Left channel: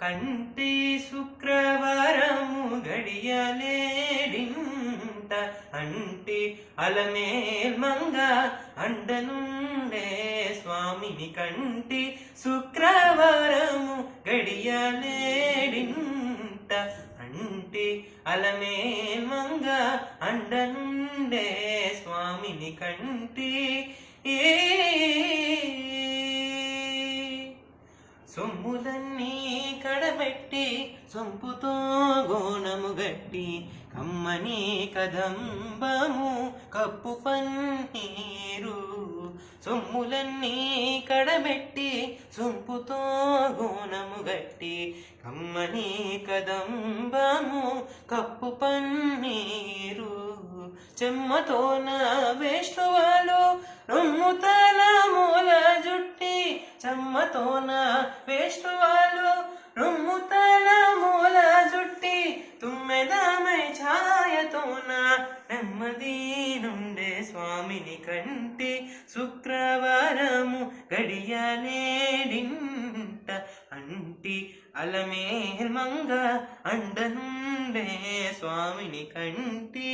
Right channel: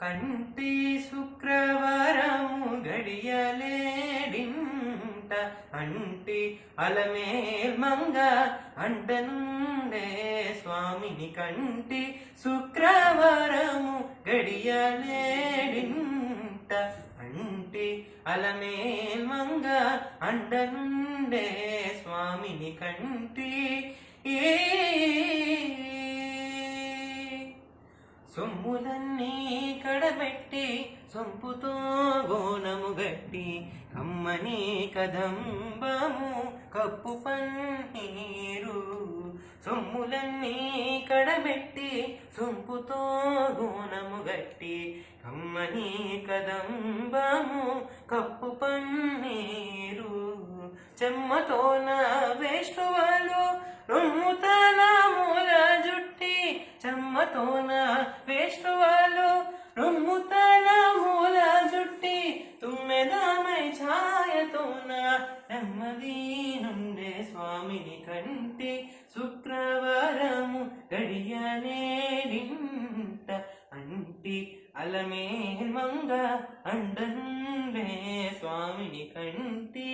కంటి శుక్రవారము గడియలేడింట అంటి అలమేల్ మంగ అండనుండే స్వామిని కంటి శుక్రవారము గడియలేడింట అంటి అలమేల్ మంగ అండనుండే స్వామిని కంటి సొమ్ములన్నీ కడబెట్టి సొంపుతో గోనము గట్టి కమ్మని కదంబము కప్పు పన్నీరు సొమ్ములన్నీ కడబెట్టి సొంపుతో గోనము గట్టి కమ్మని కదంబము కప్పు పన్నీరు చెమ్మతోన వేష్టువాలు రొమ్ముతల మూల జుట్టి చెమ్మతోన వేష్టువాలు రొమ్ముతల మూల జుట్టి తుమ్మెదమై ఛాయతోన నెమ్మది నుండే స్వామిని కంటి శుక్రవారము గడియలేడింట అంటి అలమేల్ మంగ అండనుండే స్వామిని కంటి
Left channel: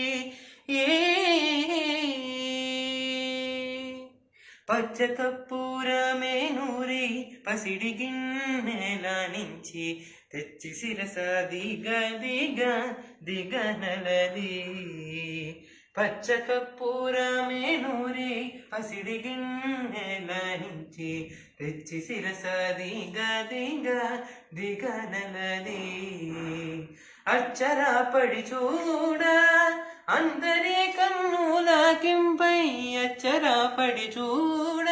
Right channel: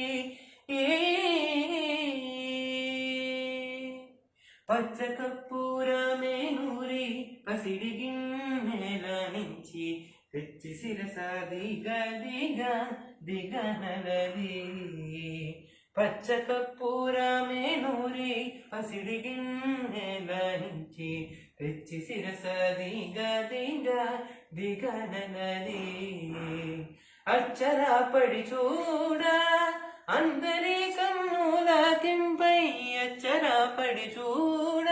పచ్చ కర్పూరమే నూరి పసిడి గిన్నెల నుంచి తెచ్చి శిరస దిగనలది పచ్చ కర్పూరమే నూరి పసిడి గిన్నెల నుంచి తెచ్చి శిరస దిగనలది అచ్చరా పడి చూడ అందరి కన్నులకింపై అచ్చరా పడి చూడ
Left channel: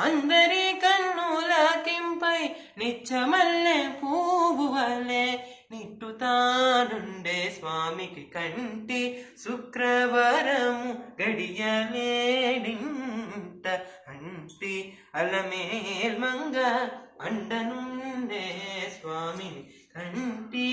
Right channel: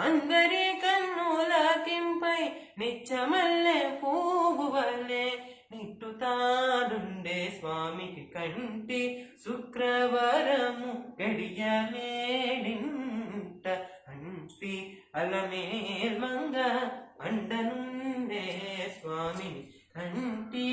అందరి కన్నులకింపై నిచ్చమల్లె పువ్వు వలె నిట్టుతానుండే స్వామికి కంటి శుక్రవారము గడియలేడింట అంటి అలమేల్ మంగ అండనుండే స్వామిని కంటి